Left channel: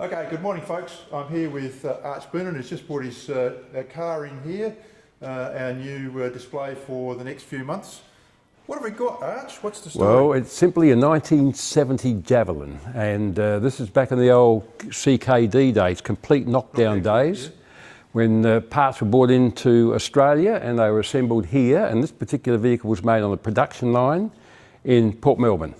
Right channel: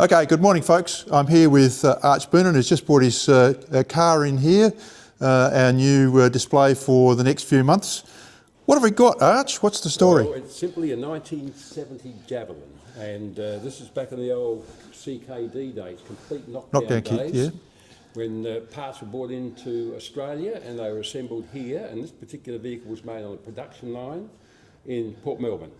Okay, good morning folks. I'm here with Arch Boonen, who's just brought his car in here, our new display for the next few months. What have we got, Arch? What's the story? Well, it's simply a 1970 Javelin, and this is back in the old CKD days, complete knockdown days, yeah. when parts were brought into Australia and they were assembled here, and this particular vehicle was made on a production line in Port Melbourne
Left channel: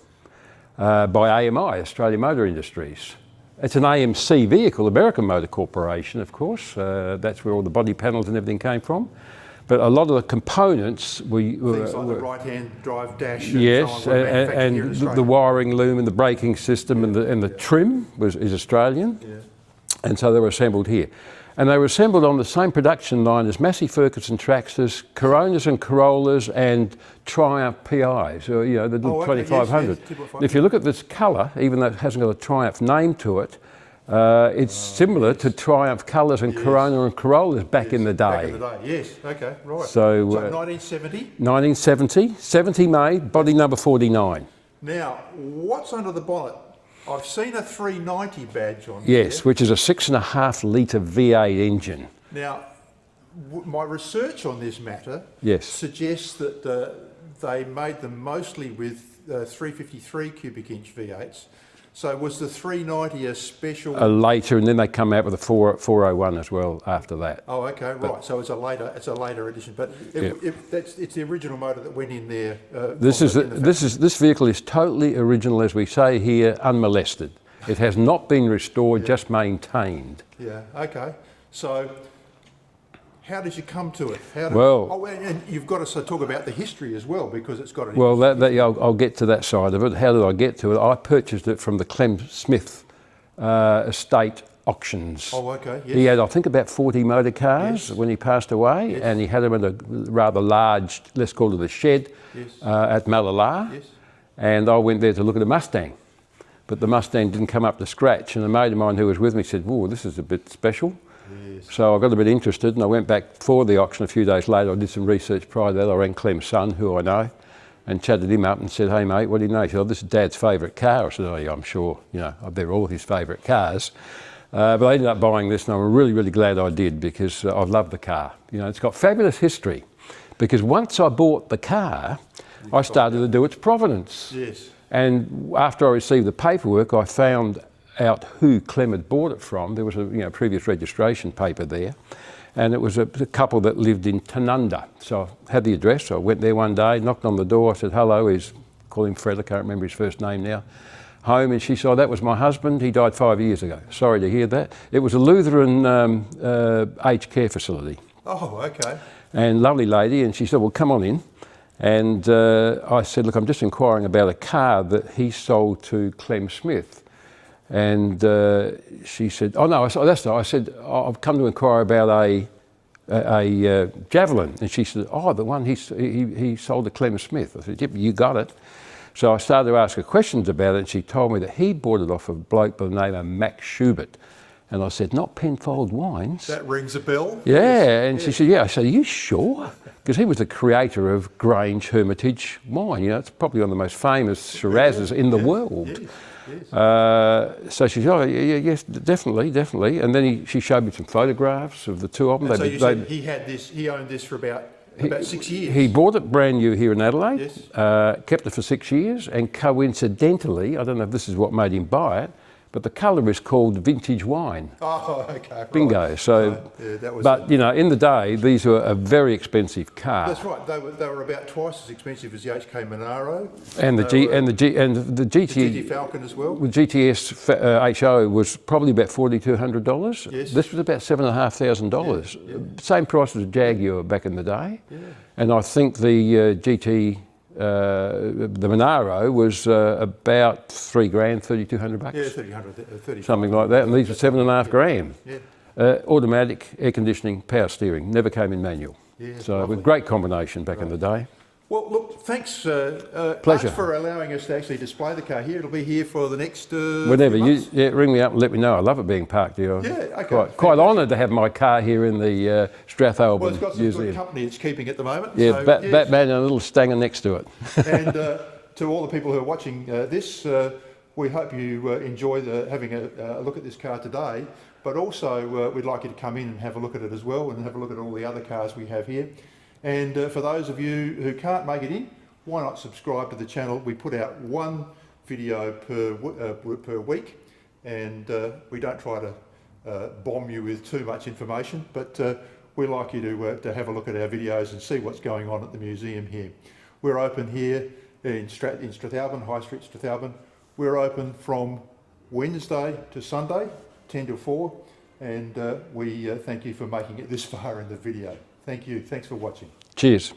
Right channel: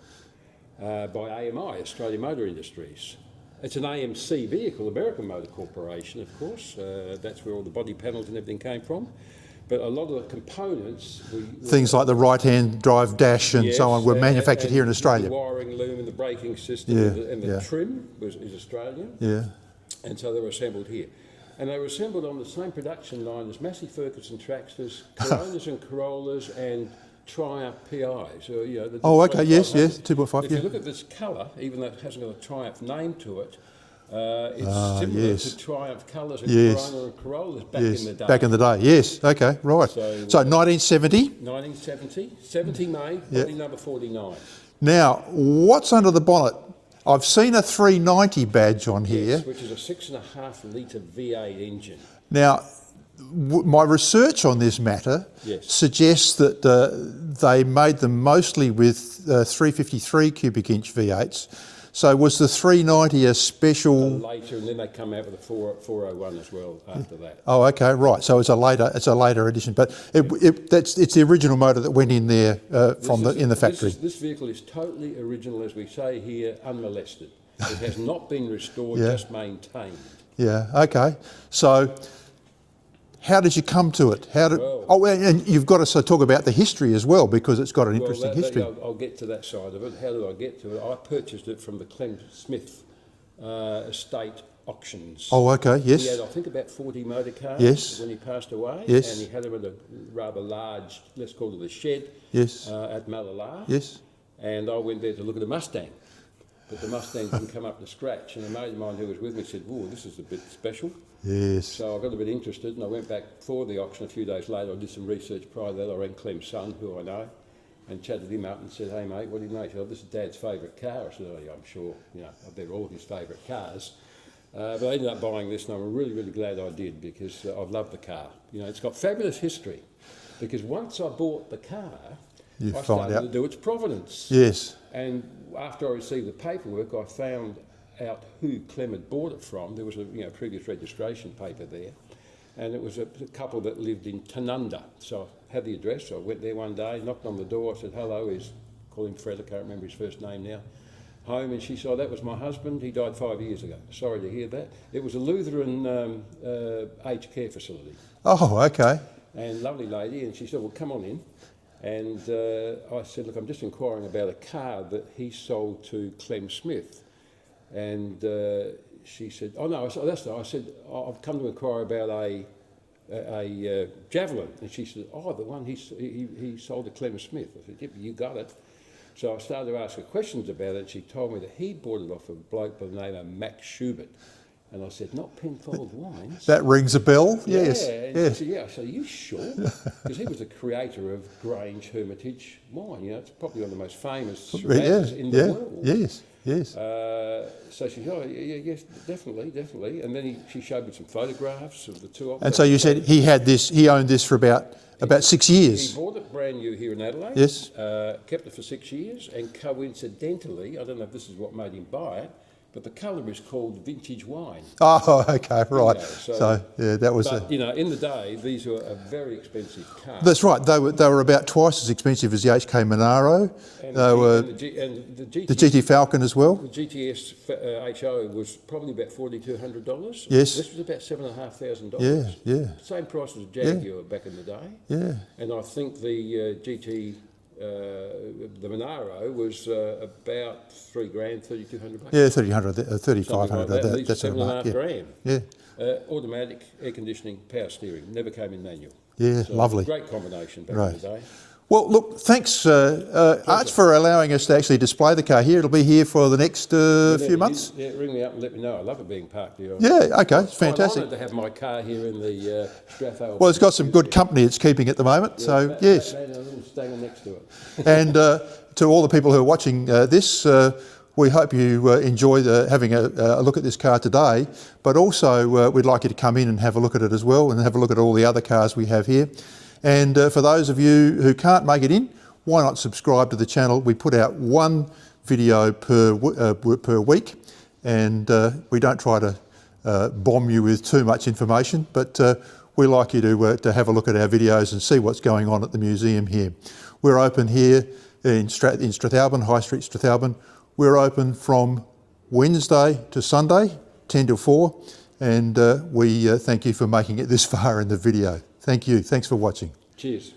by AMI, Australian Motor Industries. It's an AMC vehicle, American Motor Corporation, of course. That's where all the body panels and everything came from. But a lot of the components... Things like the right-hand drive dash and so on were manufactured here in Australia. The wiring loom and the braking system and the trim is Australian. Yeah. And so they were assembled here. And they were assembled on the same production line as Massey Ferguson tractors, Coronas and Corollas and Triumph PIs, or, you know, the 2500. Yes, 2.5. If you look at this colour, even though it hasn't got a Triumph name to it, it's similar to Triumph colours and Corona and Corollas back in the day. Back in the day, yes. Okay, right. So 1970? 1970, 70 made, body number 49. Now, what's under the bonnet? I've seen a 390 badge on here. Yes, which is a 6.5 litre V8 engine. Now, my research on this matter suggests that they made them mostly with 353 cubic inch V8s. So was the 390 a special? Later, and then they come out with a 401 as well after that. Oh, okay, right. So it's a later edition, but it's the original motor that went in there in the factory. This vehicle is totally original, as we say here, unmolested. It has not been restored, just maintained. Yeah. Okay. So, how did you come to it? And you've got to talk about the history as well, because it's got an interesting history. I'll get to that side of it. How did I get to it? I purchased it from the Clem Smith estate auctions. Oh, okay, yes. He had, I think, about 40 motor cars when he passed away, and he had them in a rather large, let's call it a shed, at Malala. Yes. And I went there to look at a Mustang, but the Mustang didn't come up to scratch, and a mate of mine who was with me said, "Whoa, this is a bit special." Yes. So I got a bit interested, and I went back for the auction a few days later. I did some research prior to that. I rang Clem's son, who I know, and chatted him up and said, "Hey mate, what do you know?" He said, "Oh, this is Dad's favourite car." I said, "Oh yeah, I'm sure, you know, they're all his favourite cars." But I ended up buying this, and I'm really, really glad I did, because I love the car. You know, it's got fabulous history, because once I bought the car, I started to do its provenance. Yes. And after I received the paperwork, I found out who Clem had bought it from. There was a previous registration paper there, and it was a couple that lived in Tanunda. So I had the address, so I went there one day, knocked on the door, I said, "Hello," call him Fred, I can't remember his first name now, home, and she said, "Oh, that was my husband, he died 5 years ago." Sorry to hear that. It was a Lutheran aged care facility. Oh, okay. And lovely lady, and she said, "Well, come on in." And I said, "Look, I'm just inquiring about a car that he sold to Clem Smith." And she said, "Oh no, that's not." I said, "I've come to inquire about a Javelin." And she said, "Oh, the one he sold to Clem Smith." I said, "Yep, you got it." So I started to ask her questions about it, and she told me that he bought it off a bloke by the name of Max Schubert. And I said, "Not Penfold Wines?" That rings a bell. Yeah, yes. And she said, "Yeah." I said, "Are you sure?" Because he was the creator of Grange Hermitage wine. You know, it's probably one of the most famous Shirazes in the world. Yes, yes. So she said, "Oh, yes, definitely." And then she showed me some photographs of the two of them. And so you said he owned this for about 6 years? He bought it brand new here in Adelaide. Yes. Kept it for 6 years, and coincidentally, I don't know if this is what made him buy it, but the colour is called vintage wine. Oh, okay, right. Bingo. So yeah, that was. But you know, in the day, these were a very expensive car. That's right. They were about twice as expensive as the HK Monaro and the GT. The GT Falcon as well. The GTS HO was probably about $4,200. Yes. This was about $7,500. Yeah. Same price as a Jaguar back in the day. Yeah. And I think the GT. The Monaro was about $3,000, $3,200. Yeah, 3,500, something like that. And these are $7,500. Yeah. Automatic, air conditioning, power steering. Never came in manual. Yeah, so lovely. It was a great combination back in the day. Well, look, thanks, Arch, for allowing us to actually display the car here. It'll be here for the next few months. Ring me up and let me know. I love it being parked here. Yeah, okay. Quite honoured to have my car here in the Strathalbyn. Well, it's got some good company it's keeping at the moment. Yeah, so, Batman and a little stanger next to it. And to all the people who are watching this, we hope you enjoy having a look at this car today, but also we'd like you to come in and have a look at it as well, and have a look at all the other cars we have here. And for those of you who can't make it in, why not subscribe to the channel? We put out one video per week, and we don't try to bomb you with too much information, but we like you to have a look at our videos and see what's going on at the museum here. We're open here in Strathalbyn, High Street, Strathalbyn. We're open from Wednesday to Sunday, 10 till 4, and we thank you for making it this far in the video. Thank you. Thanks for watching. Cheers.